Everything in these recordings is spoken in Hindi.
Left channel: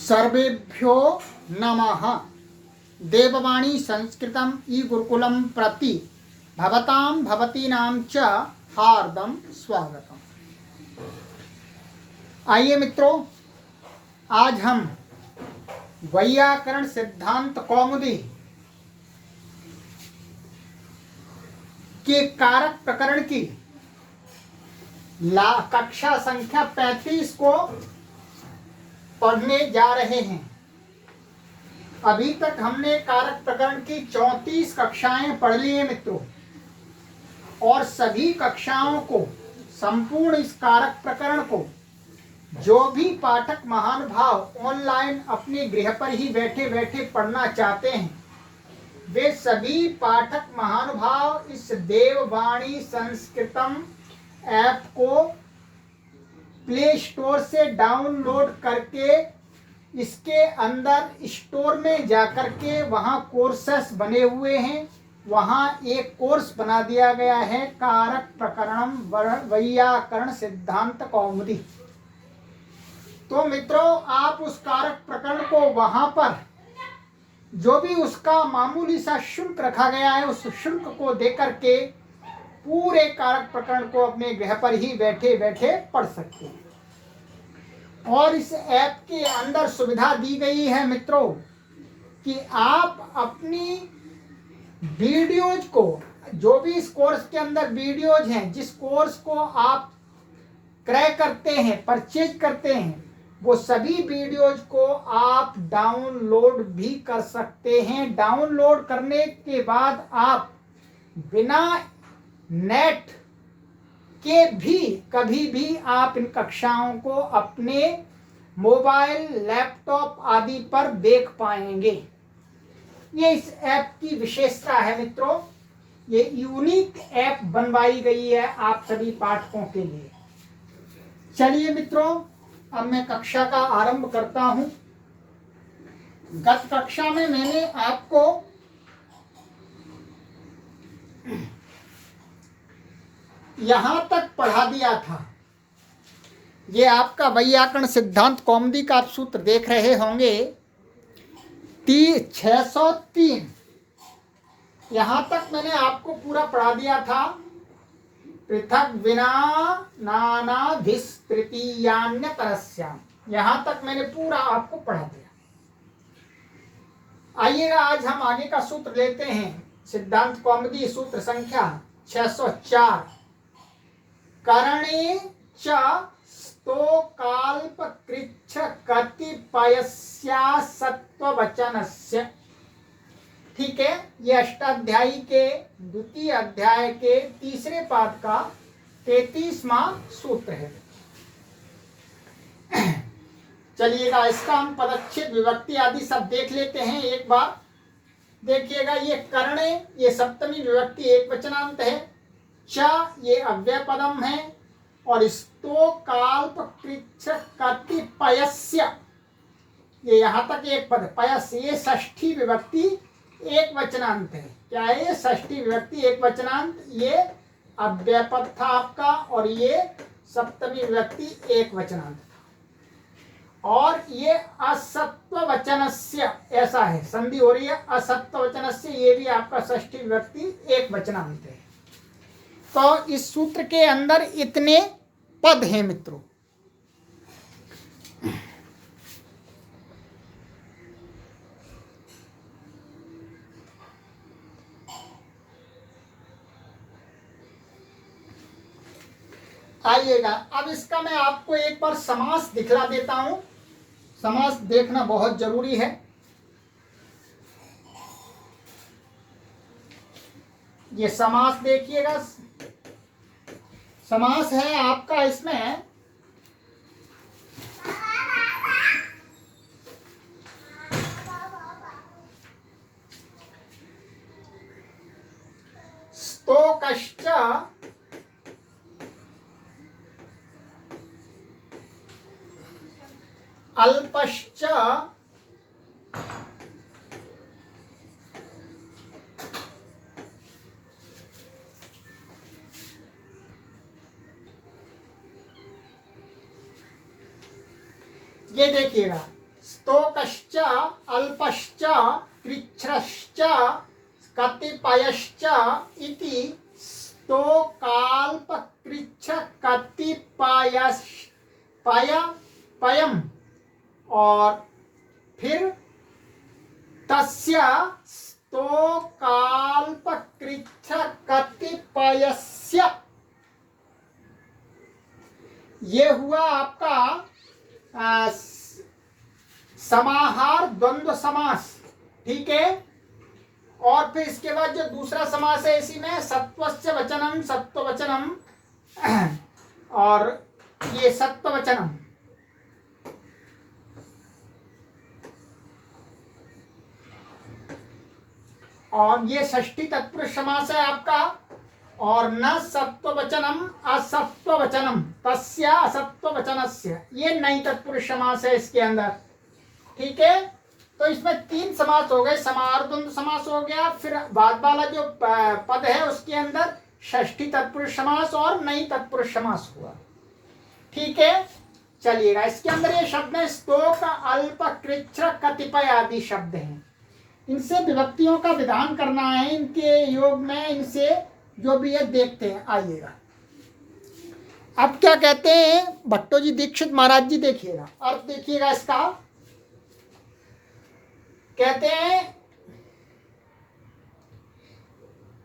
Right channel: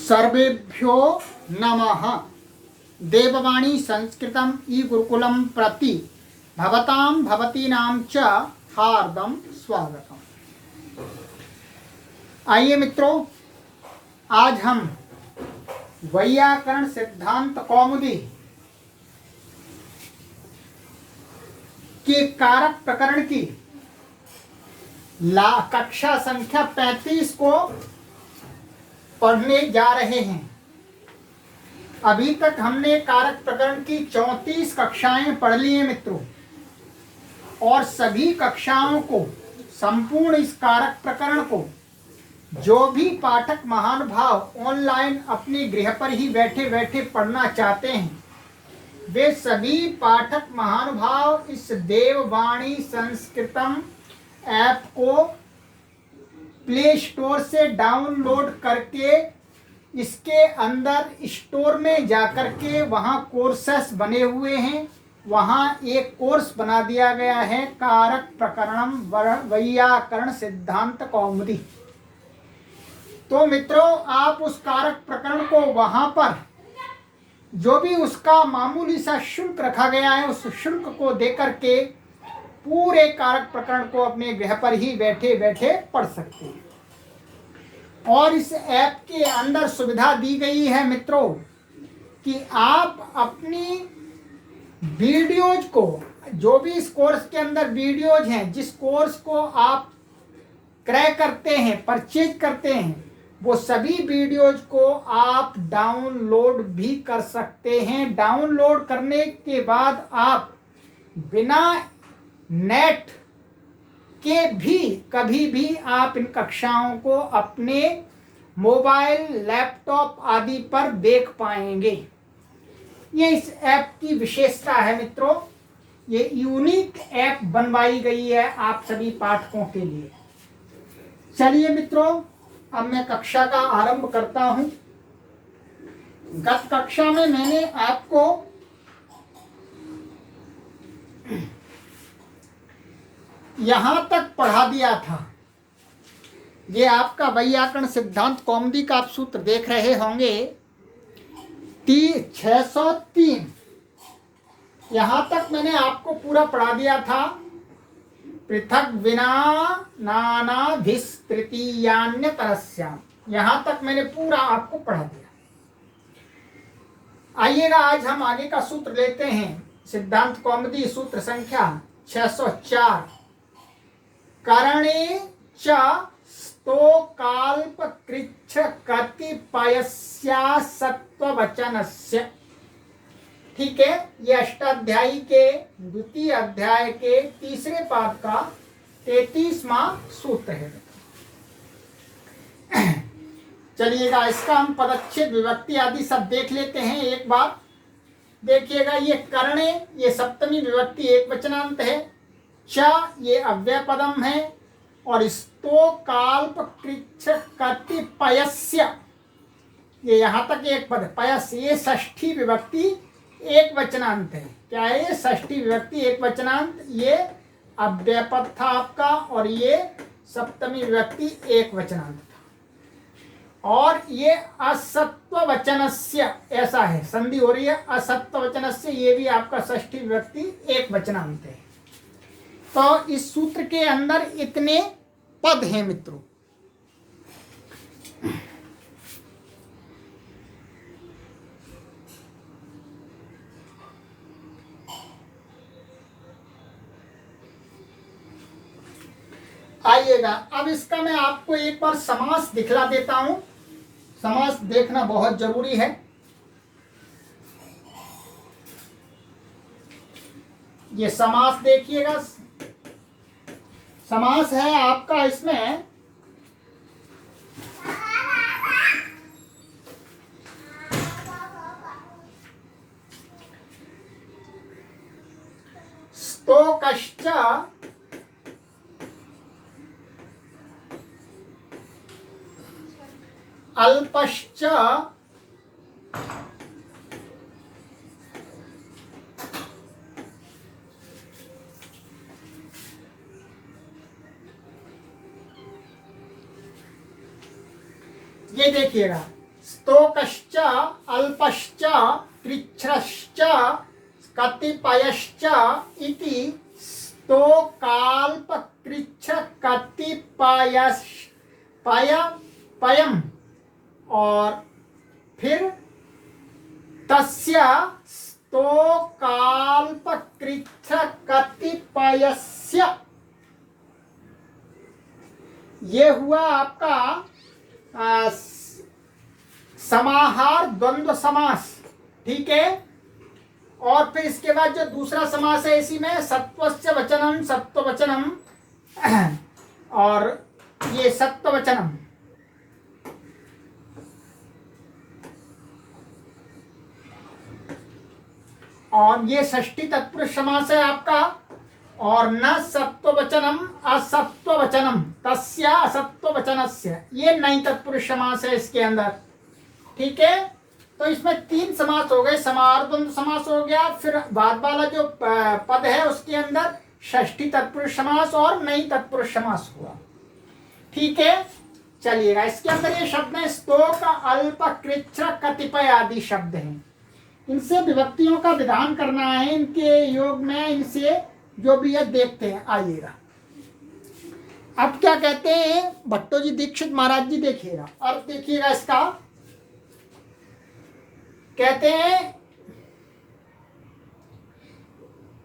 सर्वेभ्यो नमः। देववाणी संस्कृतम ई गुरुकुलम प्रति भवतां भवतीनां च हार्दं स्वागतम। आइए मित्रों, आज हम वैयाकरण सिद्धांत कौमुदी के कारक प्रकरण की कक्षा संख्या 35 को पढ़ने जा रहे हैं। अभी तक हमने कारक प्रकरण की 34 कक्षाएं पढ़ ली हैं मित्रों, और सभी कक्षाओं को, संपूर्ण इस कारक प्रकरण को जो भी पाठक महानुभाव ऑनलाइन अपने गृह पर ही बैठे बैठे पढ़ना चाहते हैं, वे सभी पाठक महानुभाव इस देववाणी संस्कृतम ऐप को प्ले स्टोर से डाउनलोड करके इसके अंदर स्टोर में जाकर के वहाँ कोर्सेस बने हुए हैं। वहाँ एक कोर्स बना दिया गया है, कारक प्रकरणम वैयाकरण सिद्धांत कौमुदी। तो मित्रों, आप उस कारक प्रकरण को वहाँ पर जो भी उसका मामूली सा शुल्क रखा गया है, उस शुल्क को देकर के पूरे कारक प्रकरण को अपने गृह पर ही बैठे बैठे पढ़ सकते हैं। और इस ऐप के अंदर सुविधा दी गई है मित्रों कि आप अपनी वीडियोज को, जो भी इस कोर्स के अंदर वीडियोज हैं, जिस कोर्स को आप क्रय करते हैं, परचेज करते हैं, वो सभी वीडियोज को आप डाउनलोड भी कर सकते हैं। डाउनलोड करने के बाद आप बिना नेट के भी कभी भी आप इन कक्षाओं को अपने मोबाइल, लैपटॉप आदि पर देख पाएंगे। ये इस ऐप की विशेषता है मित्रों। ये यूनिक ऐप बनवाई गई है आप सभी पाठकों के लिए। चलिए मित्रों, अब मैं कक्षा का आरंभ करता हूं। गत कक्षा में मैंने आपको यहां तक पढ़ा दिया था। ये आपका वैयाकरण सिद्धांत कौमुदी का आप सूत्र देख रहे होंगे 603। यहां तक मैंने आपको पूरा पढ़ा दिया था। पृथक विना नानाधिस तृतीयान्य परस्याम, यहां तक मैंने पूरा आपको पढ़ा दिया। आइएगा, आज हम आगे का सूत्र लेते हैं। सिद्धांत कौमुदी सूत्र संख्या 604। करणे च स्तोकाल्प कृच्छ कतिपयस्या सत्ववचनस्य। ठीक है, ये अष्टाध्यायी के द्वितीय अध्याय के तीसरे पाद का 33वां सूत्र है। चलिएगा, इसका हम पदच्छेद, विभक्ति आदि सब देख लेते हैं एक बार। देखिएगा, ये करणे, ये सप्तमी विभक्ति एक वचनांत है। च, ये अव्यय पदम है। और स्तोकाल्प कृच्छ कतिपयस्य, ये यहाँ तक एक पद। पयस, ये षष्ठी विभक्ति एक वचनांत है। क्या है ये? षष्ठी विभक्ति एक वचनांत। ये अव्यय पद था आपका, और ये सप्तमी विभक्ति एक वचनांत था। और ये असत्व वचनस्य, ऐसा है, संधि हो रही है असत्व वचनस्य, ये भी आपका षष्ठी विभक्ति एक वचनांत है। तो इस सूत्र के अंदर इतने पद हैं मित्रों। आइएगा, अब इसका मैं आपको एक बार समास दिखला देता हूं। समास देखना बहुत जरूरी है। ये समास देखिएगा, समास है आपका इसमें स्तोकश्च अल्पश्च ये देखिएगा, स्तोकश्च अल्पश्च कृच्छ्रश्च कतिपयश्च इति स्तोकाल्प कृच्छ कतिपयश् पयम, और फिर तस्य स्तोकाल्प कृच्छ कतिपयस्य, ये हुआ आपका समाहार द्वंद्व समास। ठीक है, और फिर इसके बाद जो दूसरा समास है इसी में सत्वस्य वचनम, सत्व वचनम, और ये सत्व वचनम, और ये षष्ठी तत्पुरुष समास है आपका। और न सत्व वचनम असत्व वचनम तस्य असत्व वचनस्य, ये नई तत्पुरुष समास है इसके अंदर। ठीक है, तो इसमें 3 समास हो गए, समार्द्वंद समास हो गया, फिर बाद वाला जो पद है उसके अंदर षष्ठी तत्पुरुष समास और नई तत्पुरुष समास हुआ। ठीक है, चलिएगा, इसके अंदर ये शब्द है स्तोक, अल्प, कृच्छ, कतिपय आदि शब्द हैं। इनसे विभक्तियों का विधान करना है इनके योग में, इनसे जो भी है देखते हैं, आइएगा। अब क्या कहते हैं भट्टो जी दीक्षित महाराज जी, देखिएगा अर्थ देखिएगा इसका। कहते हैं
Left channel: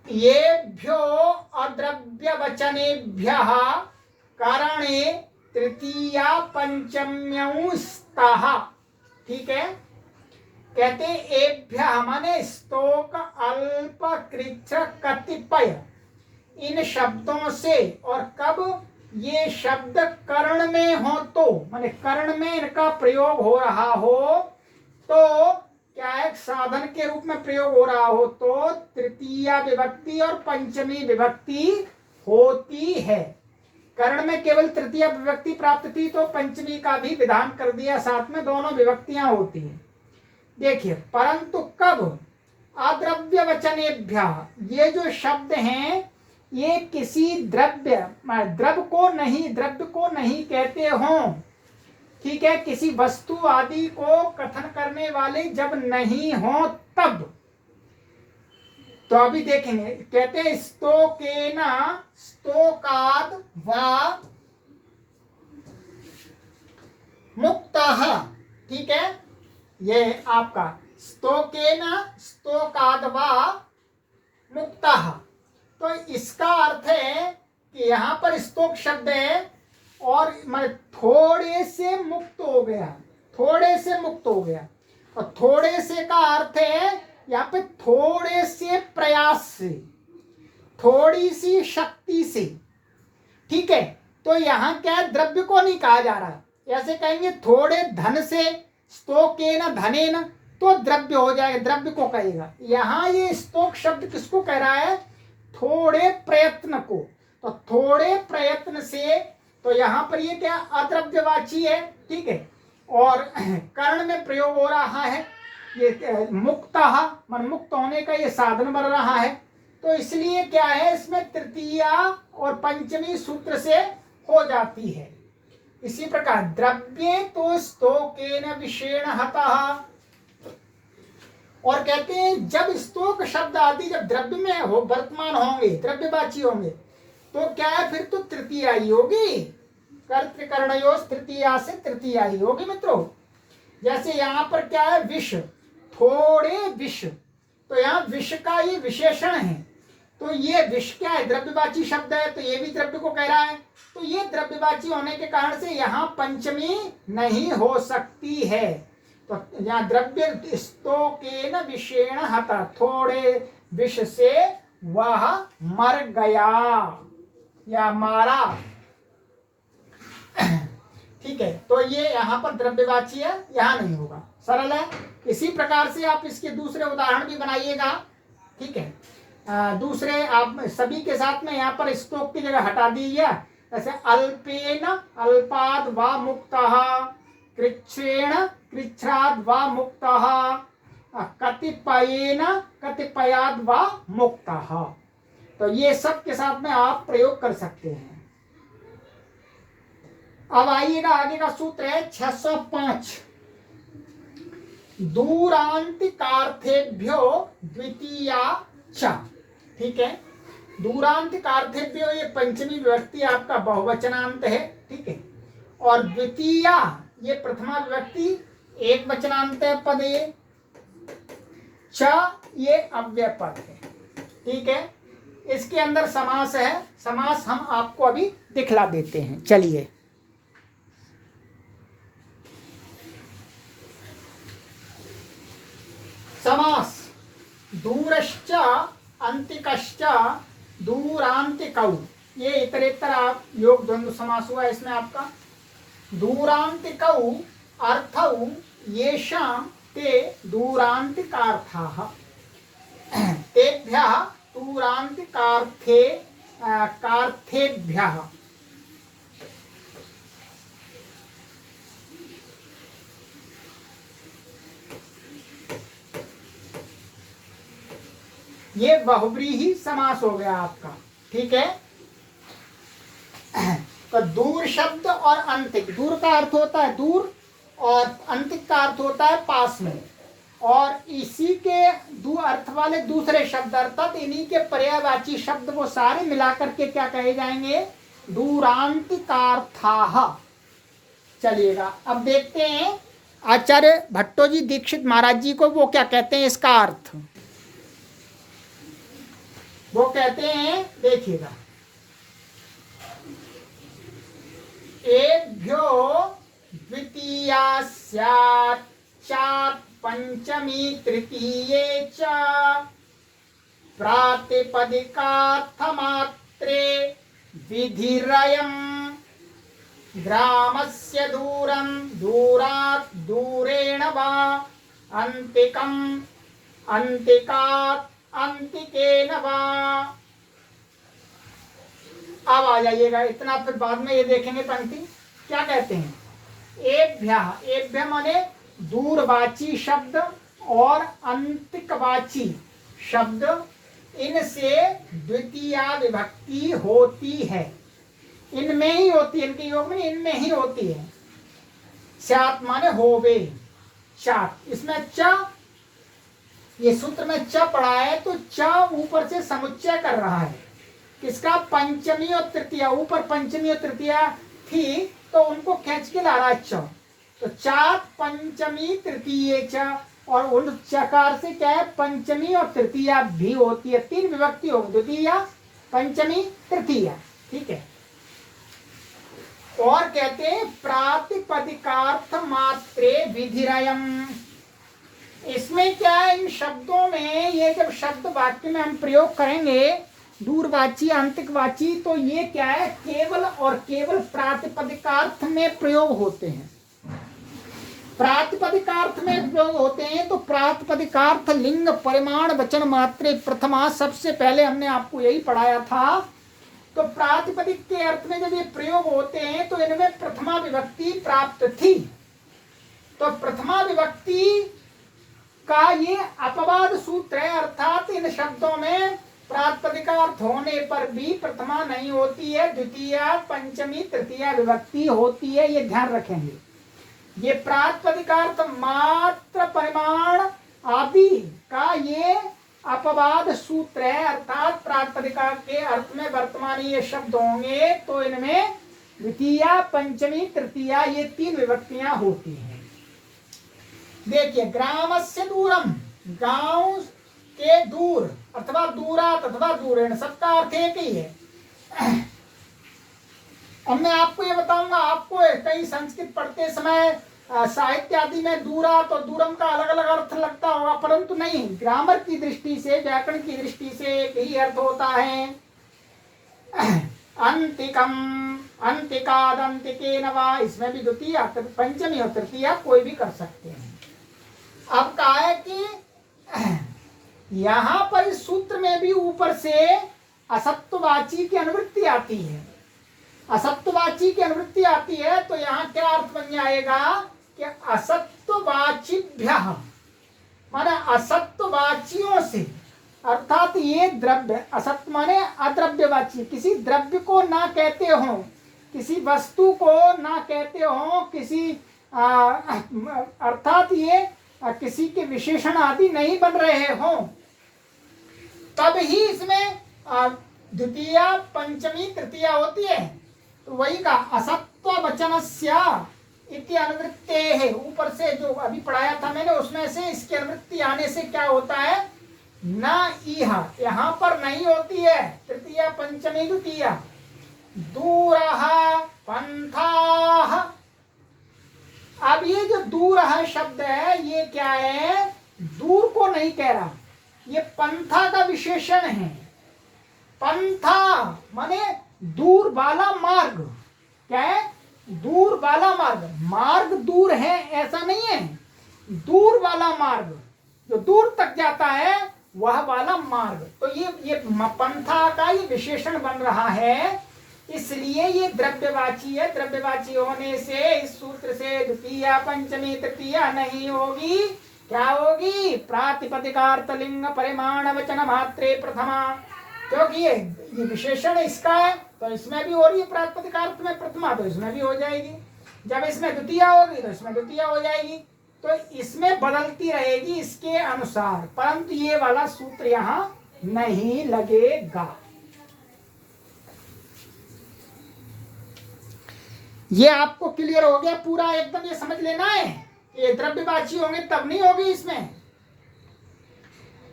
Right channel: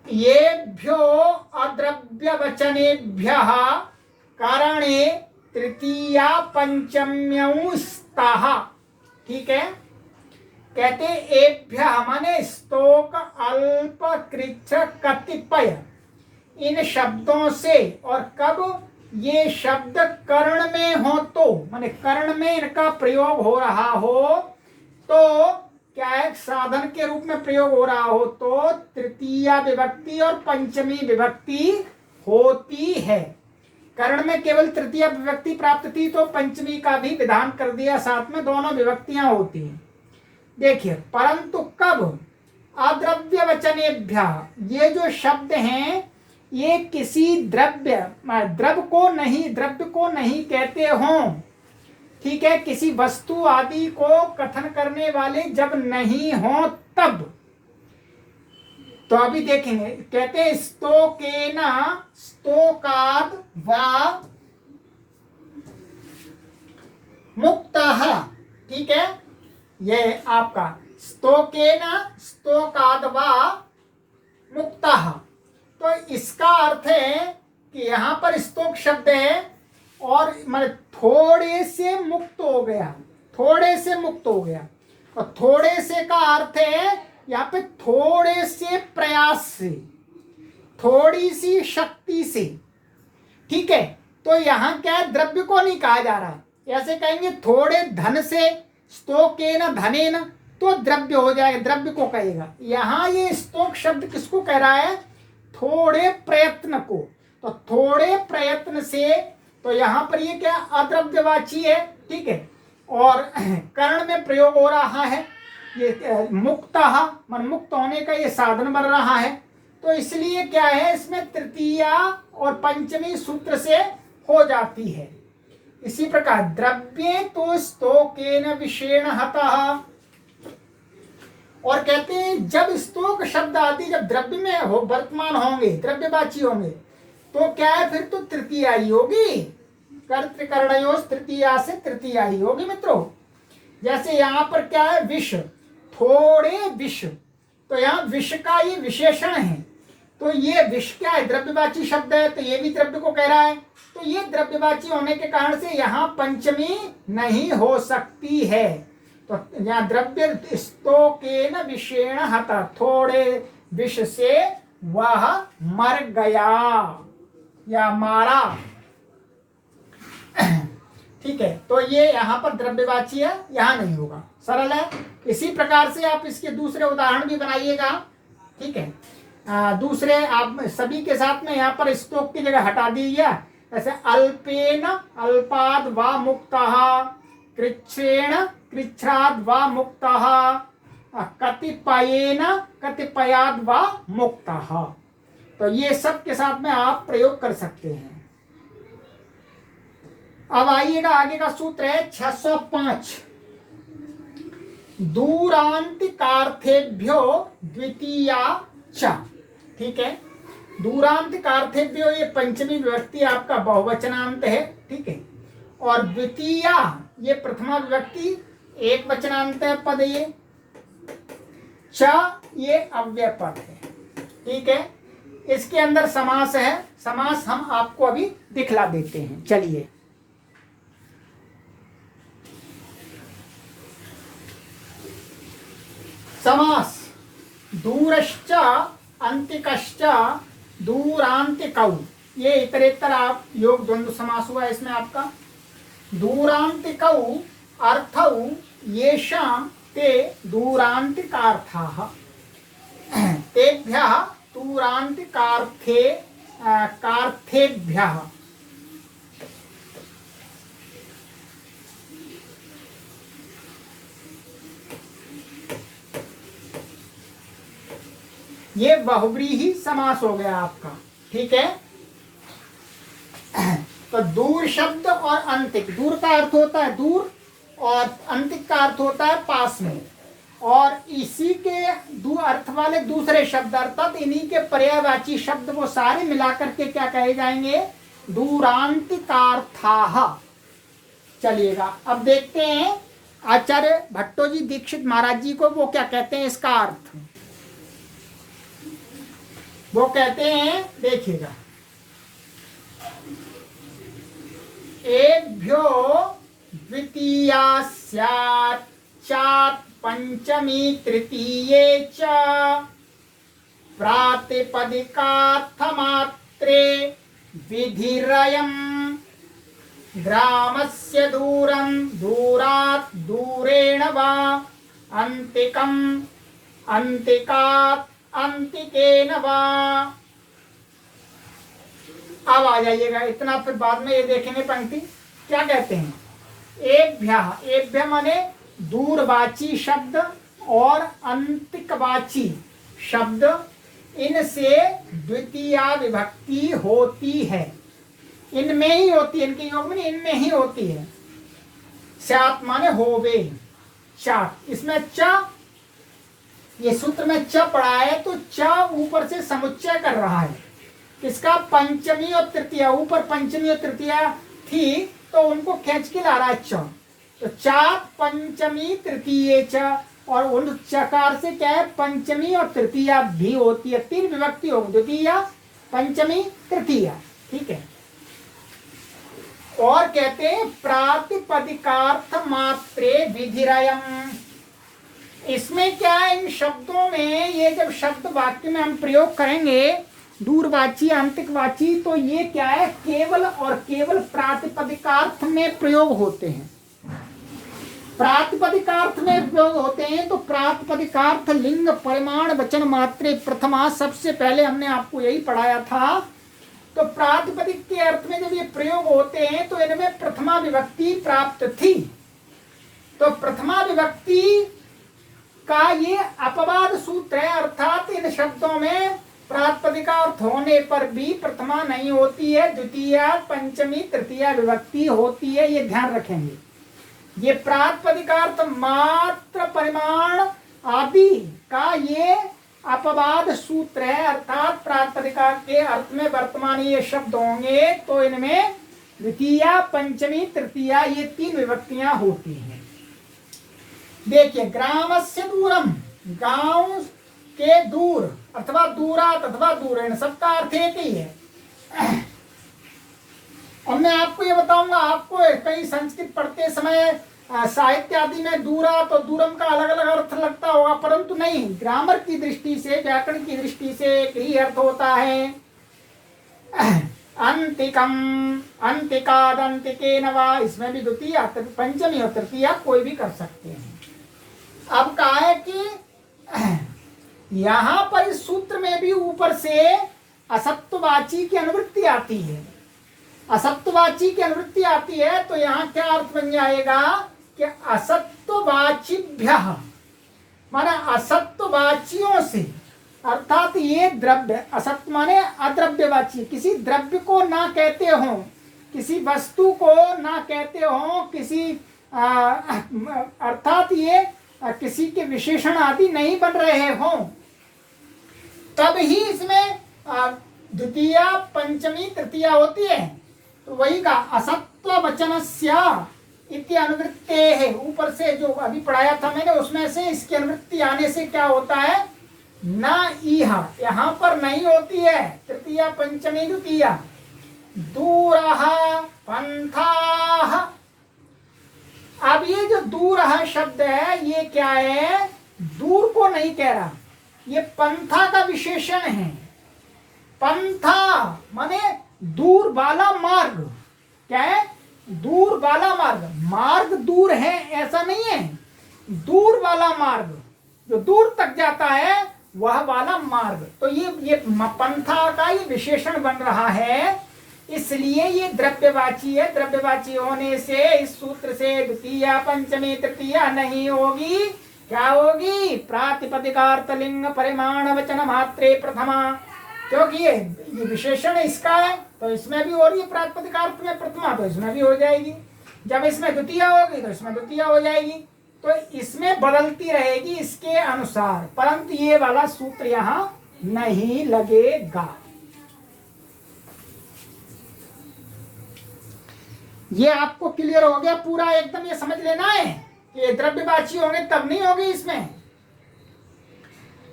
येभ्यो अद्रव्य वचनेभ्यः कारणे तृतीया पंचम्यौ स्तः। ठीक है, कहते एभ्य माने स्तोक, अल्प, कृच्छ, कतिपय, इन शब्दों से, और कब ये शब्द कर्ण में हो तो, माने कर्ण में इनका प्रयोग हो रहा हो तो, क्या है साधन के रूप में प्रयोग हो रहा हो तो तृतीया विभक्ति और पंचमी विभक्ति होती है। कर्ण में केवल तृतीया विभक्ति प्राप्त थी तो पंचमी का भी विधान कर दिया, साथ में दोनों विभक्तियां होती हैं। देखिए, परंतु कब अद्रव्य वचनेभ्य, ये जो शब्द हैं ये किसी द्रव्य को नहीं कहते हों। ठीक है, किसी वस्तु आदि को कथन करने वाले जब नहीं हो तब। तो अभी देखेंगे, कहते हैं स्तोकेन, स्तोकाद वा मुक्तः। ठीक है, ये आपका स्तोकेन, स्तोकाद वा मुक्तः। तो इसका अर्थ है कि यहाँ पर स्तोक शब्द है और मतलब थोड़े से मुक्त हो गया, थोड़े से मुक्त हो गया। और थोड़े से का अर्थ है यहाँ पे थोड़े से प्रयास से, थोड़ी सी शक्ति से। ठीक है, तो यहाँ क्या है, द्रव्य को नहीं कहा जा रहा है। ऐसे कहेंगे थोड़े धन से, स्तोकेन धनेन, तो द्रव्य हो जाएगा, द्रव्य को कहेगा। यहाँ ये स्तोक शब्द किसको कह रहा है, थोड़े प्रयत्न को। तो थोड़े प्रयत्न से, तो यहाँ पर ये क्या अद्रव्यवाची है। ठीक है, और कर्ण में प्रयोग हो रहा है, ये मुक्तः मन मुक्त होने का ये साधन बन रहा है। तो इसलिए क्या है, इसमें तृतीया और पंचमी सूत्र से हो जाती है। इसी प्रकार द्रव्ये तो स्तोकेन विषेण हतः। और कहते हैं जब स्तोक शब्द आदि जब द्रव्य में हो वर्तमान होंगे, द्रव्यवाची होंगे, तो क्या है, फिर तो तृतीया ही होगी। कर्तृकर्णयोः तृतीया से तृतीया ही होगी मित्रों। जैसे यहाँ पर क्या है, विष, थोड़े विष, तो यहाँ विष का ये विशेषण है। तो ये विष क्या है, द्रव्यवाची शब्द है, तो ये भी द्रव्य को कह रहा है। तो ये द्रव्यवाची होने के कारण से यहाँ पंचमी नहीं हो सकती है। तो यहाँ द्रव्य स्तोकेन विषेण हतः, थोड़े विष से वह मर गया या मारा। ठीक है, तो ये यहाँ पर द्रव्यवाची है, यहाँ नहीं होगा, सरल है। इसी प्रकार से आप इसके दूसरे उदाहरण भी बनाइएगा। ठीक है, दूसरे आप सभी के साथ में यहाँ पर स्तोक की जगह हटा दीजिए। जैसे अल्पेन अल्पाद वा मुक्तः, कृच्छ्रेण कृच्छ्राद वा मुक्तः, कतिपयेन कतिपयाद वा मुक्तः। तो ये सब के साथ में आप प्रयोग कर सकते हैं। अब आइएगा, आगे का सूत्र है 605। दूरांतिकार्थेभ्यो द्वितीया च। ठीक है, दूरांतिकार्थेभ्यो ये पंचमी विभक्ति आपका बहुवचनांत है। ठीक है, और द्वितीया ये प्रथमा विभक्ति एक वचनांत है पद। ये च ये अव्यय पद है। ठीक है, इसके अंदर समास है। समास हम आपको अभी दिखला देते हैं। चलिए, समास दूरश्च अंतिकश्च दूरांतिकौ, ये इतरेतर आप योग द्वंद्व समास हुआ इसमें आपका। दूरांतिकौ अर्थौ येषां ते दूरांतिकार्थाः तेभ्यः दूरांतिकार्थेभ्यः। ये बहुव्रीहि समास हो गया आपका। ठीक है, तो दूर शब्द और अंतिक, दूर का अर्थ होता है दूर और अंतिक का अर्थ होता है पास में, और इसी के दो अर्थ वाले दूसरे शब्द अर्थात इन्हीं के पर्यायवाची शब्द वो सारे मिलाकर के क्या कहे जाएंगे? दूरांतिकार्थाः। चलिएगा, अब देखते हैं आचार्य भट्टो जी दीक्षित महाराज जी को वो क्या कहते हैं इसका अर्थ। वो कहते हैं, देखिएगा, एभ्यो द्वितीया स्यात् चात् पंचमी तृतीये च प्रातिपदिकार्थमात्रे विधिरयम् ग्रामस्य दूरं दूरात् दूरेण वा अन्तिकम् अन्तिकात् अंतिकेन वा। अब आ जाइएगा इतना, फिर बाद में ये देखेंगे पंक्ति क्या कहते हैं। एभ्यः, एभ्य माने दूरवाची शब्द और अंतिकवाची शब्द, इनसे द्वितीया विभक्ति होती है। इनमें ही होती है, इनके योग में इनमें ही होती है। स्यात् माने होवे, चात्, इसमें च, ये सूत्र में च पढ़ा है तो च ऊपर से समुच्चय कर रहा है किसका? पंचमी और तृतीया। ऊपर पंचमी और तृतीया थी तो उनको खींच के ला रहा है च, तो चात् पंचमी तृतीये च, और उन चकार से क्या है? पंचमी और तृतीया भी होती है। तीन विभक्ति होगी, द्वितीया पंचमी तृतीया। ठीक है, और कहते हैं प्रातिपदिकार्थ मात्रे विधिरयम्। इसमें क्या है, इन शब्दों में ये जब शब्द वाक्य में हम प्रयोग करेंगे दूरवाची अंतिकवाची, तो ये क्या है? केवल और केवल प्रातिपदिकार्थ में प्रयोग होते हैं। प्रातिपदिकार्थ में प्रयोग होते हैं तो प्रातिपदिकार्थ लिंग परिमाण वचन मात्रे प्रथमा, सबसे पहले हमने आपको यही पढ़ाया था। तो प्रातिपदिक के अर्थ में जब ये प्रयोग होते हैं तो इनमें प्रथमा विभक्ति प्राप्त थी। तो प्रथमा विभक्ति का ये अपवाद सूत्र है, अर्थात इन शब्दों में प्रातिपदिकार्थ होने पर भी प्रथमा नहीं होती है, द्वितीया पंचमी तृतीया विभक्ति होती है। ये ध्यान रखेंगे। ये प्रातिपदिकार्थ मात्र परिमाण आदि का ये अपवाद सूत्र है, अर्थात प्रातिपदिका के अर्थ में वर्तमान ये शब्द होंगे तो इनमें द्वितीया पंचमी तृतीया ये तीन विभक्तियां होती हैं। देखिए, ग्रामस्य दूरम, गांव के दूर अथवा दूरात अथवा दूरेण, सबका अर्थ एक ही है। अब मैं आपको ये बताऊंगा, आपको कई संस्कृत पढ़ते समय साहित्य आदि में दूरात और दूरम का अलग अलग अर्थ लगता होगा, परंतु नहीं, ग्रामर की दृष्टि से, व्याकरण की दृष्टि से एक ही अर्थ होता है। अंतिकम, अंतिकाद, अंतिकेन वा, इसमें भी द्वितीया पंचमी और तृतीया कोई भी कर सकते हैं। अब कहा है कि यहां पर इस सूत्र में भी ऊपर से असत्ववाची की अनुवृत्ति आती है। असत्ववाची की अनुवृत्ति आती है तो यहाँ क्या अर्थ बन जाएगा कि असत्ववाचिभ्यः, माना असत्ववाचियों से, अर्थात ये द्रव्य, असत्य माने अद्रव्यवाची, किसी द्रव्य को ना कहते हो किसी वस्तु को ना कहते हो, किसी अर्थात ये किसी के विशेषण आदि नहीं बन रहे हो, तब ही इसमें द्वितीया पंचमी तृतीया होती है। तो वही का असत्व वचनस्या इति अनुवृत्ते है, ऊपर से जो अभी पढ़ाया था मैंने उसमें से इसकी अनुवृत्ति आने से क्या होता है, न इहा, यहाँ पर नहीं होती है तृतीया पंचमी द्वितीया। दूरः पंथाः, अब ये जो दूरः शब्द है ये क्या है, दूर को नहीं कह रहा, ये पंथा का विशेषण है। पंथा माने दूर वाला मार्ग, क्या है, दूर वाला मार्ग, मार्ग दूर है ऐसा नहीं है, दूर वाला मार्ग जो दूर तक जाता है वह वाला मार्ग। तो ये पंथा का ये विशेषण बन रहा है, इसलिए ये द्रव्यवाची है। द्रव्यवाची होने से इस सूत्र से द्वितीया पंचमी तृतीया नहीं होगी, क्या होगी, प्रातिपदिकार्थ लिंग परिमाण वचन मात्रे प्रथमा, क्योंकि ये विशेषण इसका है तो इसमें भी हो रही है प्रातिपदिकार्थ में प्रथमा, तो इसमें भी हो जाएगी। जब इसमें द्वितीया होगी तो इसमें द्वितीया हो जाएगी, तो इसमें बदलती रहेगी इसके अनुसार, परंतु ये वाला सूत्र यहां नहीं लगेगा। ये आपको क्लियर हो गया पूरा एकदम, ये समझ लेना है, ये द्रव्यवाची होंगे तब नहीं होगी इसमें।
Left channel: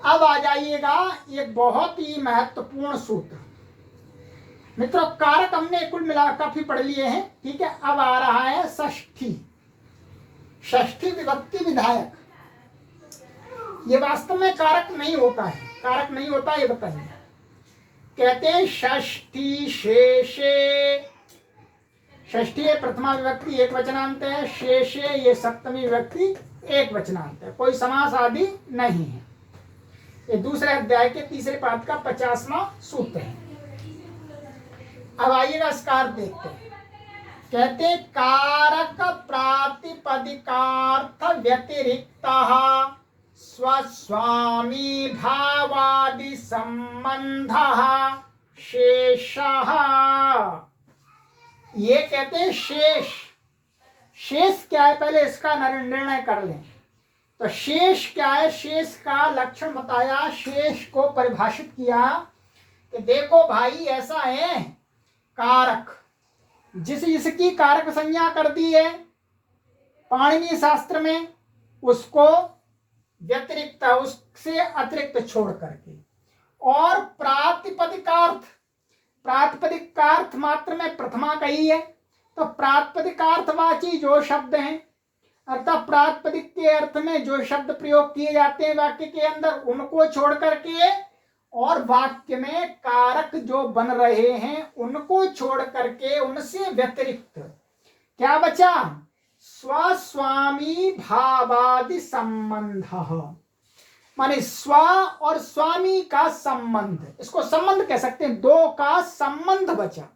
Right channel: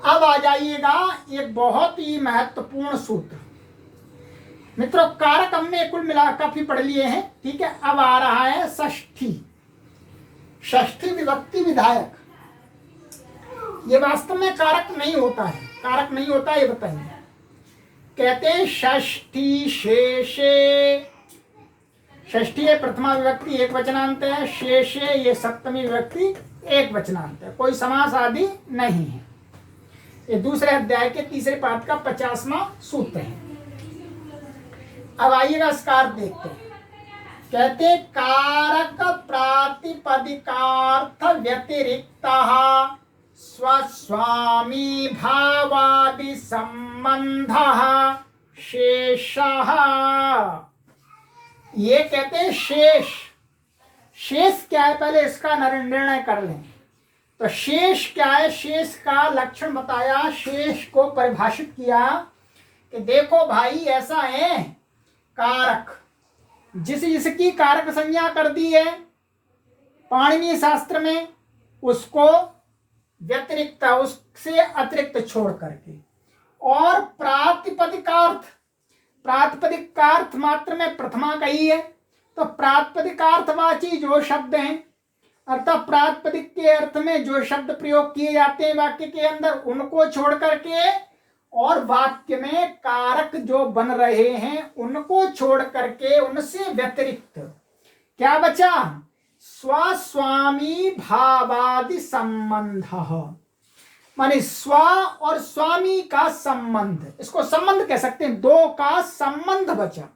अब आ जाइएगा एक बहुत ही महत्वपूर्ण सूत्र मित्रों, कारक हमने कुल मिला काफी पढ़ लिए हैं, ठीक है। अब आ रहा है षष्ठी, षष्ठी विभक्ति विधायक। ये वास्तव में कारक नहीं होता है, कारक नहीं होता ये बताइए। कहते हैं षष्ठी शेषे, षष्ठी है प्रथमा विभक्ति एक वचनांत है, शेषे ये सप्तमी विभक्ति एक वचनांत है, कोई समास आदि नहीं है। ये दूसरे अध्याय के तीसरे पाठ का 50वां सूत्र है। अब आइएगा इसका अर्थ देखते हैं। कहते कारक प्रातिपदिकार्थ व्यतिरिक्त स्वस्वामी भावादि संबंध शेषः, ये कहते हैं शेष। शेष क्या है पहले इसका निर्णय कर लें। तो शेष क्या है, शेष का लक्षण बताया, शेष को परिभाषित किया कि देखो भाई ऐसा है, कारक जिसकी कारक संज्ञा कर दी है पाणिनीय शास्त्र में, उसको व्यतिरिक्त उससे अतिरिक्त छोड़ करके, और प्रातिपदिकार्थ, प्रातिपदिकार्थ मात्र में प्रथमा कही है, तो प्रातिपदिकार्थवाची जो शब्द हैं अर्थात प्रातिपदिक के अर्थ में जो शब्द प्रयोग किए जाते हैं वाक्य के अंदर उनको छोड़ करके, और वाक्य में कारक जो बन रहे हैं उनको छोड़ करके, उनसे व्यतिरिक्त क्या बचा, स्वस्वामी भावादि संबंध, माने स्व और स्वामी का संबंध, इसको संबंध कह सकते हैं, दो का संबंध बचा।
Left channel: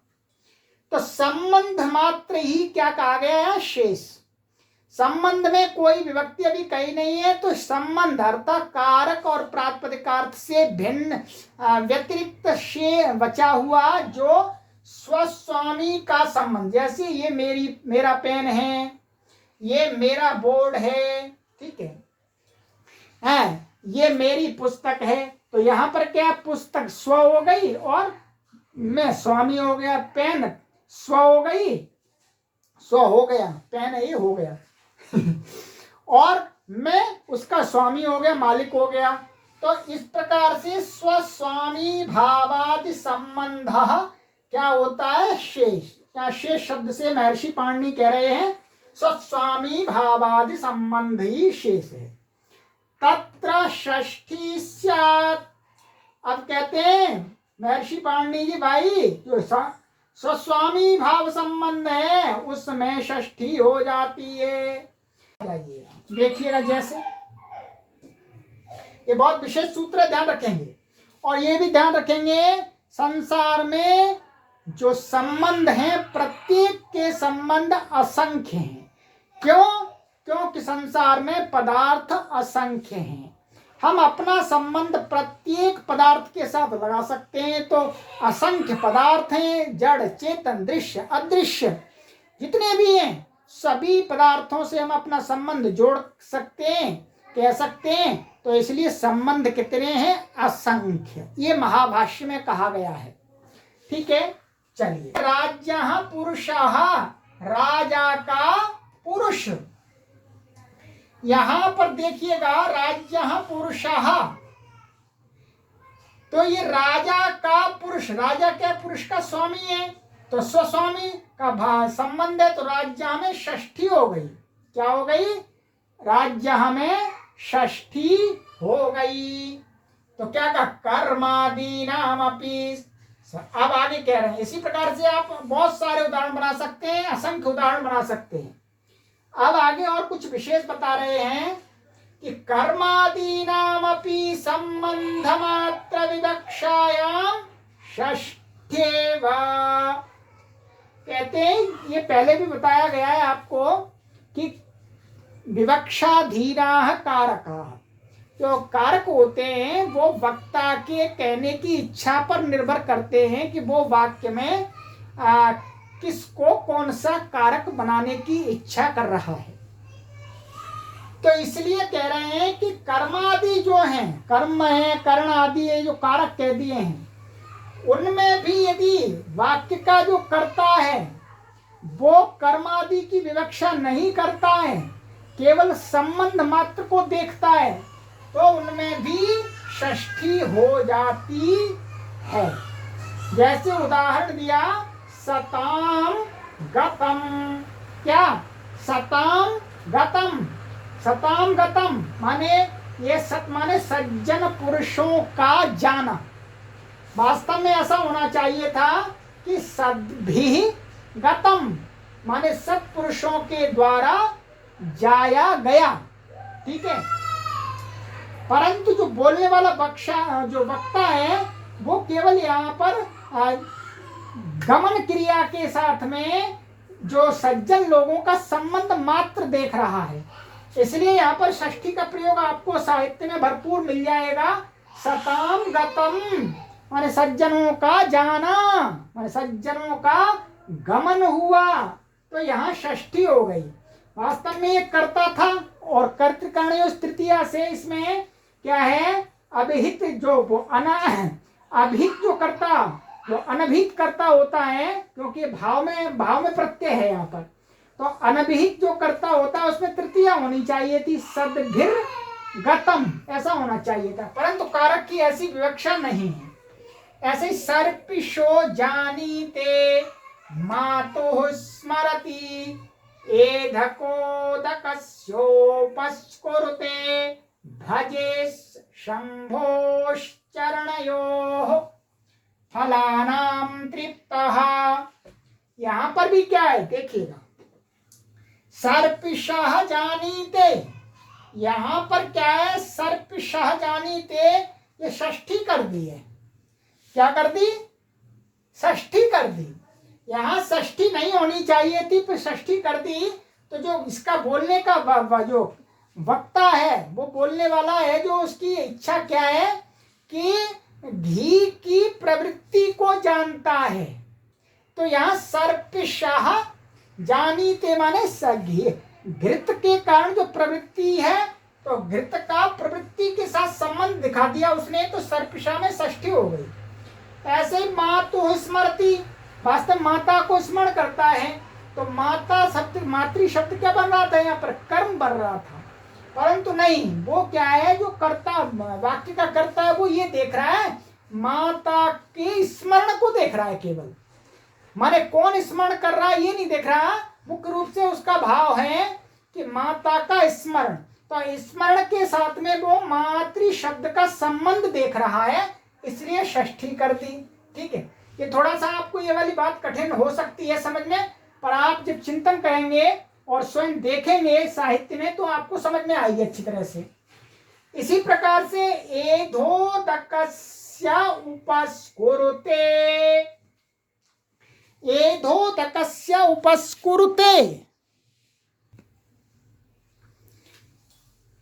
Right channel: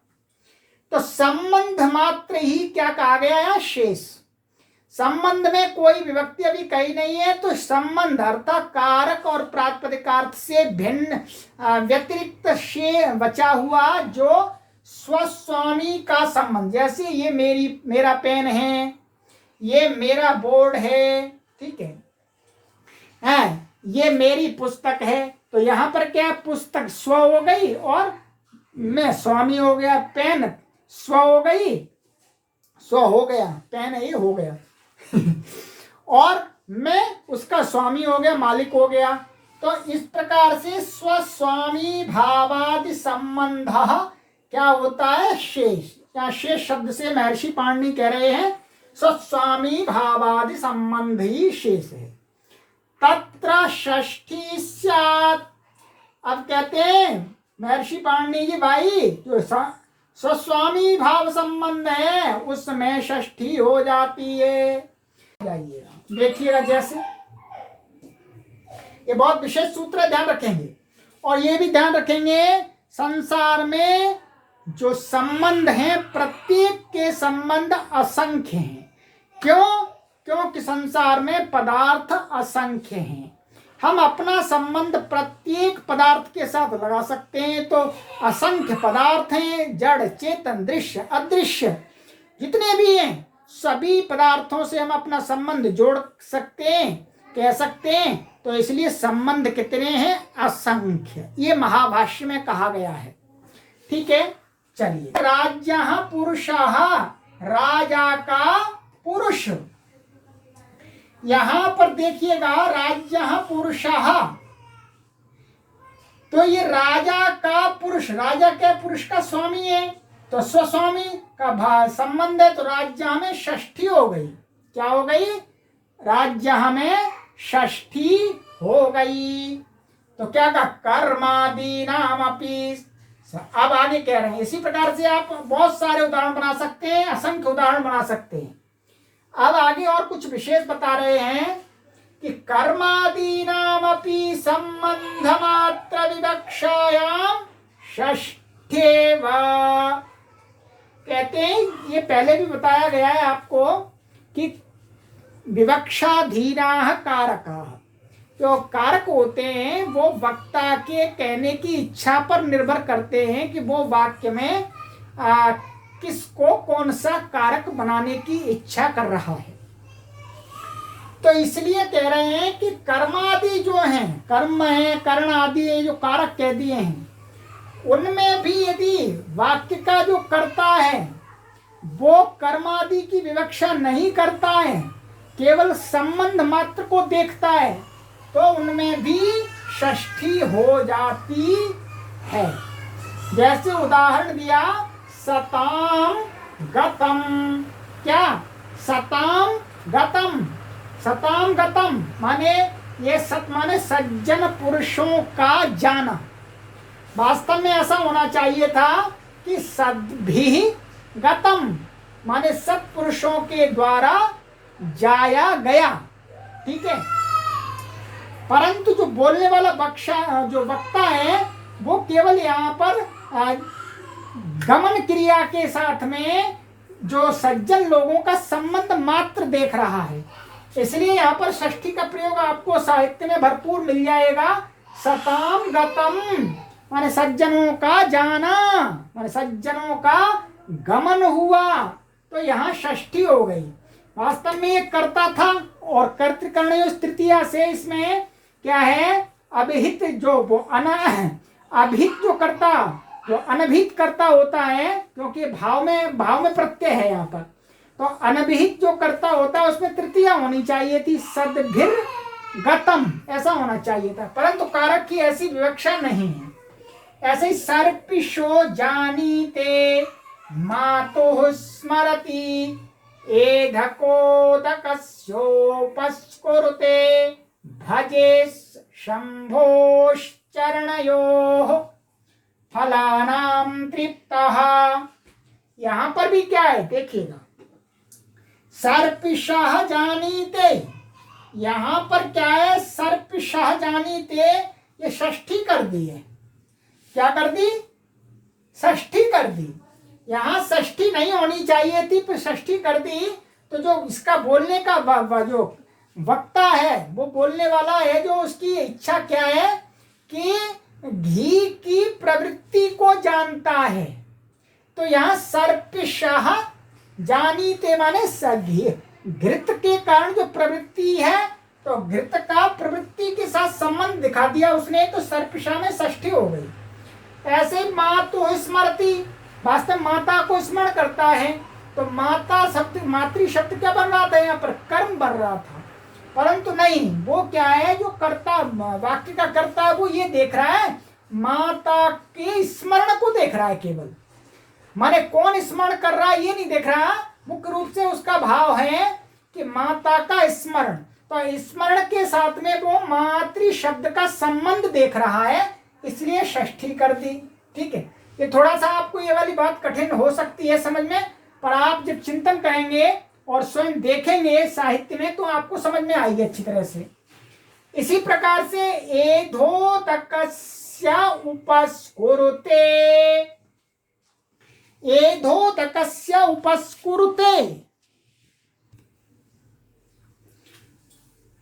तो संबंध मात्र ही क्या कहा गया है, शेष। संबंध में कोई विभक्ति अभी कही नहीं है, तो संबंध अर्थात कारक और प्रातिपदिकार्थ से भिन्न व्यतिरिक्त से बचा हुआ जो स्वस्वामी का संबंध, जैसे ये मेरा पेन है, ये मेरा बोर्ड है, ठीक है, ये मेरी पुस्तक है, तो यहाँ पर क्या पुस्तक स्व हो गई और मैं स्वामी हो गया, पेन स्व हो गई, स्व हो गया, पेन ये हो गया और मैं उसका स्वामी हो गया, मालिक हो गया। तो इस प्रकार से स्वस्वामी भावादि संबंध क्या होता है, शेष। क्या शेष शब्द से महर्षि पाणिनि कह रहे हैं स्वस्वामी भावादि संबंध ही शेष है। तत्र षष्ठी स्यात्, अब कहते हैं महर्षि पाणिनि जी भाई जो स्वस्वामी भाव संबंध है उसमें षष्ठी हो जाती है। देखिएगा जैसे ये बहुत विशेष सूत्र है, ध्यान रखेंगे। और ये भी ध्यान रखेंगे संसार में जो संबंध हैं प्रत्येक के संबंध असंख्य हैं। क्यों? क्योंकि संसार में पदार्थ असंख्य हैं, हम अपना संबंध प्रत्येक पदार्थ के साथ लगा सकते हैं। तो असंख्य पदार्थ हैं, जड़ चेतन दृश्य अदृश्य जितने भी हैं, सभी पदार्थों से हम अपना संबंध जोड़ सकते हैं, कह सकते हैं। तो इसलिए संबंध कितने हैं? असंख्य। ये महाभाष्य में कहा गया है। ठीक है, चलिए। राज्यः पुरुषः, राजा का पुरुष। यहां पर देखिएगा, राज्यः पुरुषः, तो ये राजा का पुरुष, राजा के पुरुष का स्वामी है, तो स्वस्वामी का संबंध है। तो राज्य में षष्ठी हो गई। क्या हो गई? राज्य में षष्ठी हो गई। तो क्या कहा? कर्मादीनाम अपि। अब आगे कह रहे हैं, इसी प्रकार से आप बहुत सारे उदाहरण बना सकते हैं, असंख्य उदाहरण बना सकते हैं। अब आगे और कुछ विशेष बता रहे हैं कि कर्मादीनामपि संबंध मात्र विवक्षायाम षष्ठेव। कहते हैं, ये पहले भी बताया गया है आपको कि विवक्षाधीनाः कारकाः, जो कारक होते हैं वो वक्ता के कहने की इच्छा पर निर्भर करते हैं कि वो वाक्य में किसको कौन सा कारक बनाने की इच्छा कर रहा है। तो इसलिए कह रहे हैं कि कर्मादि जो हैं, कर्म है, कर्ण आदि है, जो कारक कह दिए हैं, उनमें भी यदि वाक्य का जो कर्ता है वो कर्मादि की विवक्षा नहीं करता है, केवल संबंध मात्र को देखता है, तो उनमें भी षष्ठी हो जाती है। जैसे उदाहरण दिया, सताम गतम। क्या? सताम गतम। सताम गतम माने ये सत माने सज्जन पुरुषों का जाना। वास्तव में ऐसा होना चाहिए था कि सद्भिः गतम माने सत्पुरुषों के द्वारा जाया गया। ठीक है, परंतु जो बोलने वाला जो वक्ता है वो केवल यहाँ पर गमन क्रिया के साथ में जो सज्जन लोगों का संबंध मात्र देख रहा है। इसलिए यहाँ पर षष्ठी का प्रयोग आपको साहित्य में भरपूर मिल जाएगा। सताम गतम माने सज्जनों का जाना, माने सज्जनों का गमन हुआ। तो यहाँ षष्ठी हो गई। वास्तव में ये कर्ता था और कर्तृकर्णयोः तृतीया से इसमें क्या है? अभिहित जो वो अभिहित जो कर्ता, जो अनभिहित कर्ता होता है, क्योंकि भाव में प्रत्यय है यहाँ पर, तो अनभिहित जो कर्ता होता है उसमें तृतीया होनी चाहिए थी, सद्भिर गतम ऐसा होना चाहिए था, परंतु कारक की ऐसी विवक्षा नहीं है। ऐसे सर्पिशो जानीते मातुः स्मरति एधकोदकस्योपस्कुरुते भजे शंभोश्चरणयोः फलानां तृप्तः। यहां पर भी क्या है देखिएगा, सर्पिशः जानीते, यहां पर क्या है? सर्पिशः जानीते, ये षष्ठी कर दी है। क्या कर दी? षष्ठी कर दी। यहां षष्ठी नहीं होनी चाहिए थी, पर षष्ठी कर दी। तो जो इसका बोलने का जो वक्ता है, वो बोलने वाला है, जो उसकी इच्छा क्या है कि घी की प्रवृत्ति को जानता है। तो यहाँ सर्पिशः जानीते माने घृत के कारण जो प्रवृत्ति है, तो घृत का प्रवृत्ति के साथ संबंध दिखा दिया उसने, तो सर्पिशा में षष्ठी हो गई। ऐसे ही मातुः स्मरति, वास्तव माता को स्मरण करता है, तो माता शब्द, मातृ शब्द क्या बन रहा था? यहाँ पर कर्म बन रहा था, परंतु नहीं, वो क्या है? जो कर्ता, वाक्य का कर्ता है, वो ये देख रहा है, माता के स्मरण को देख रहा है केवल। माने कौन स्मरण कर रहा है ये नहीं देख रहा। मुख्य रूप से उसका भाव है कि माता का स्मरण, तो स्मरण के साथ में वो मातृ शब्द का संबंध देख रहा है, इसलिए षष्ठी कर दी। ठीक है, ये थोड़ा सा आपको ये वाली बात कठिन हो सकती है समझ में, पर आप जब चिंतन करेंगे और स्वयं देखेंगे साहित्य में, तो आपको समझ में आएगी अच्छी तरह से। इसी प्रकार से एधोदकस्य उपस्कुरुते, एधोदकस्य उपस्कुरुते,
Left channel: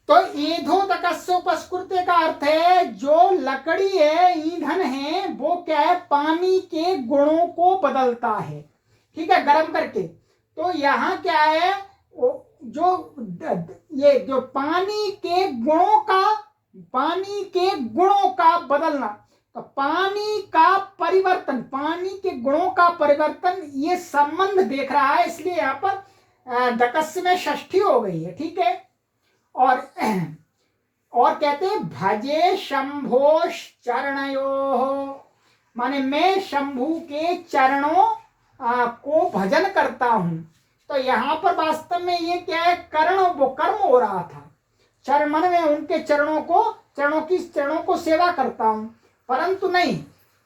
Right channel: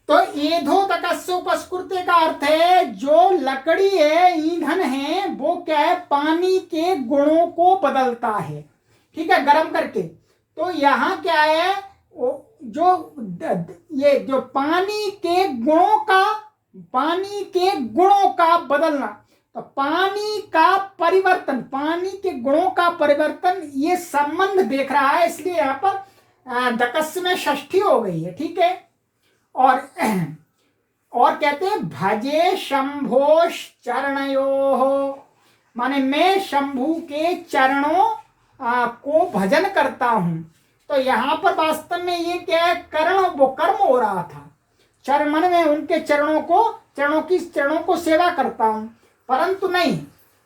तो ईधोदकस्य उपस्कृते का अर्थ है जो लकड़ी है, ईंधन है, वो क्या है, पानी के गुणों को बदलता है, ठीक है, गर्म करके। तो यहाँ क्या है, ये जो पानी के गुणों का बदलना, तो पानी का परिवर्तन, पानी के गुणों का परिवर्तन, ये संबंध देख रहा है, इसलिए यहाँ पर दकस्य में षष्ठी हो गई है, ठीक है। और कहते हैं भजे शंभोश चरणयोः, माने मैं शंभु के चरणों को भजन करता हूं। तो यहाँ पर वास्तव में ये क्या है, वो कर्म हो रहा था, चरण में उनके चरणों को सेवा करता हूं, परंतु नहीं,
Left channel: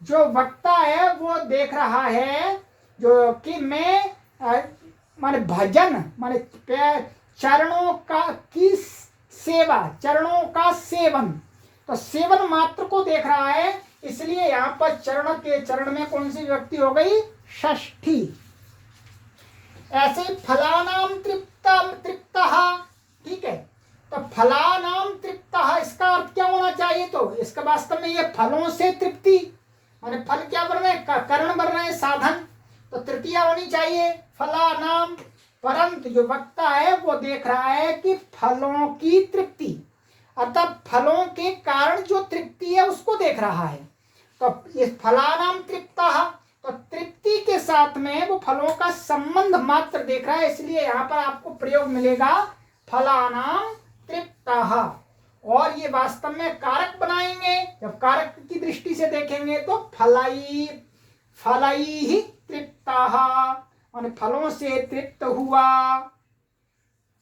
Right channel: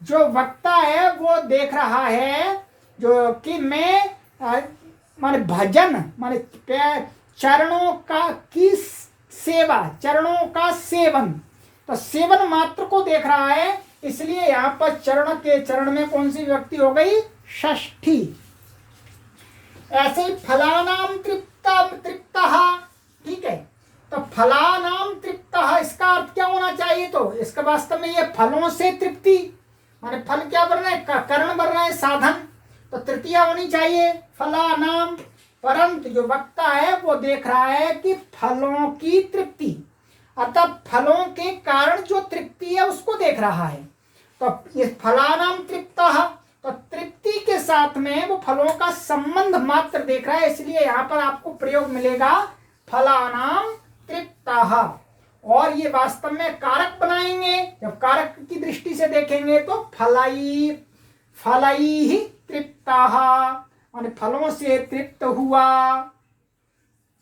जो वक्ता है वो देख रहा है जो कि मैं माने भजन, माने चरणों का सेवन, तो सेवन मात्र को देख रहा है, इसलिए यहाँ पर चरण में कौन सी विभक्ति हो गई, षष्ठी। ऐसे ही फलानाम तृप्तः, ठीक है, तो फलानाम तृप्तः इसका अर्थ क्या होना चाहिए, तो इसका वास्तव में ये फलों से तृप्ति, माने फल क्या बन रहे हैं, करण बन रहे हैं, साधन, तो तृतीया होनी चाहिए फलानाम। परंतु जो वक्ता है वो देख रहा है कि फलों की तृप्ति, अतः फलों के कारण जो तृप्ति है उसको देख रहा है। तो ये फलानाम तृप्तः, तो तृप्ति के साथ में वो फलों का संबंध मात्र देख रहा है, इसलिए यहाँ पर आपको प्रयोग मिलेगा फलानाम तृप्तः। और ये वास्तव में कारक बनाएंगे, जब कारक की दृष्टि से देखेंगे तो फलैः तृप्तः, और फलों से तृप्त हुआ।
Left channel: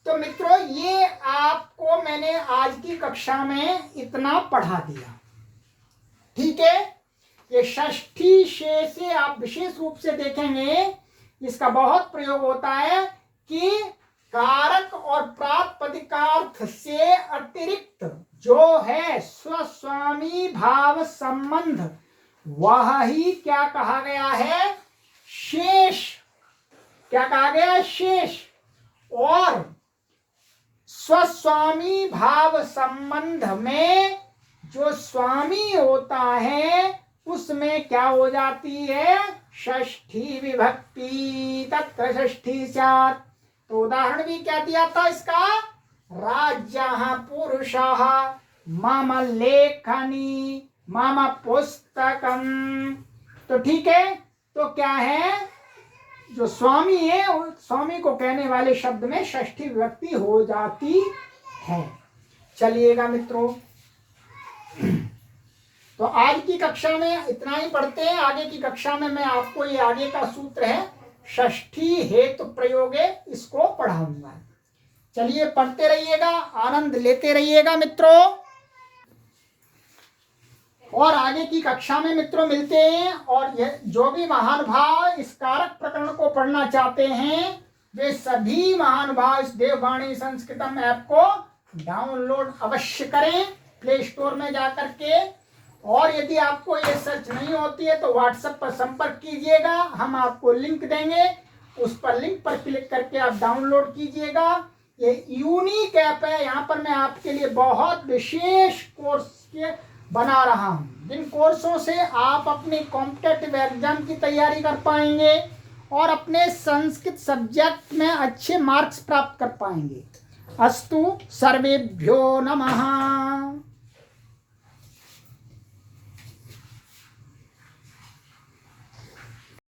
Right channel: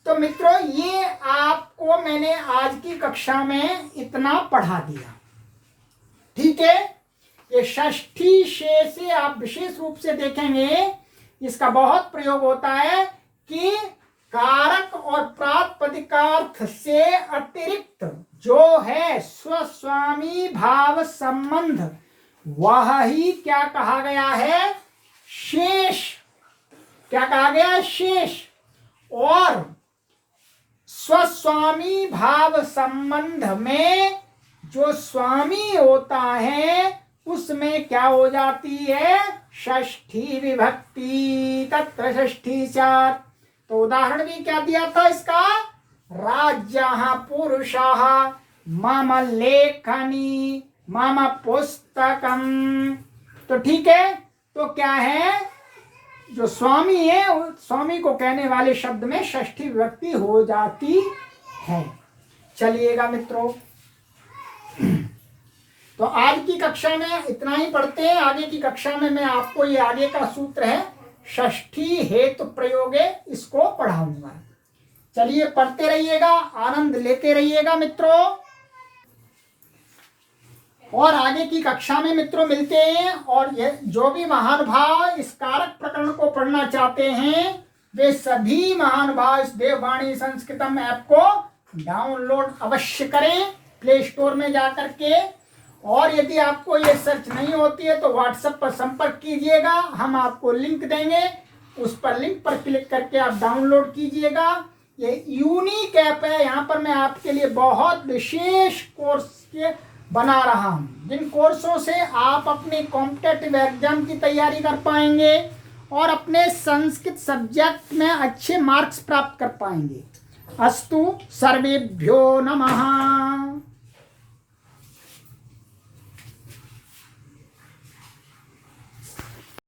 तो मित्रों ये आपको मैंने आज की कक्षा में इतना पढ़ा दिया, ठीक है। ये षष्ठी शेष से आप विशेष रूप से देखेंगे, इसका बहुत प्रयोग होता है कि कारक और प्रातिपदिकार्थ से अतिरिक्त जो है स्वस्वामी भाव संबंध, वह ही क्या कहा गया है, शेष। क्या कहा गया है, शेष। और स्वस्वामी भाव संबंध में जो स्वामी होता है उसमें क्या हो जाती है, षष्ठी विभक्ति, तत्र षष्ठी स्यात्। तो उदाहरण भी क्या दिया था इसका, राज्यः पुरुषः मम लेखनी मम पुस्तकम। तो ठीक है, तो क्या है, जो स्वामी है, स्वामी को कहने वाले शब्द में षष्ठी विभक्ति हो जाती है। चलिएगा मित्रों, तो आज की कक्षा में इतना ही पढ़ते हैं। आगे की कक्षा में मैं आपको ये आगे का सूत्र है षष्ठी हेतु प्रयोगे, इसको पढ़ाऊंगा। चलिए पढ़ते रहिएगा, आनंद लेते रहिएगा मित्रों, और आगे की कक्षा में मित्रों मिलते हैं। और जो भी महानुभाव इस कारक प्रकरण को पढ़ना चाहते हैं, वे सभी महानुभाव इस देववाणी संस्कृतम ऐप को डाउनलोड अवश्य करें प्ले स्टोर में जाकर के। और यदि आपको ये सर्च नहीं होती है तो व्हाट्सएप पर संपर्क कीजिएगा, हम आपको लिंक देंगे, उस पर लिंक पर क्लिक करके आप डाउनलोड कीजिएगा। ये यूनिक ऐप है, यहाँ पर मैं आपके लिए बहुत विशेष कोर्स के बना रहा हूँ, जिन कोर्सों से आप अपने कॉम्पिटिटिव एग्जाम की तैयारी कर पाएंगे और अपने संस्कृत सब्जेक्ट में अच्छे मार्क्स प्राप्त कर पाएंगे। अस्तु सर्वेभ्यो नमः।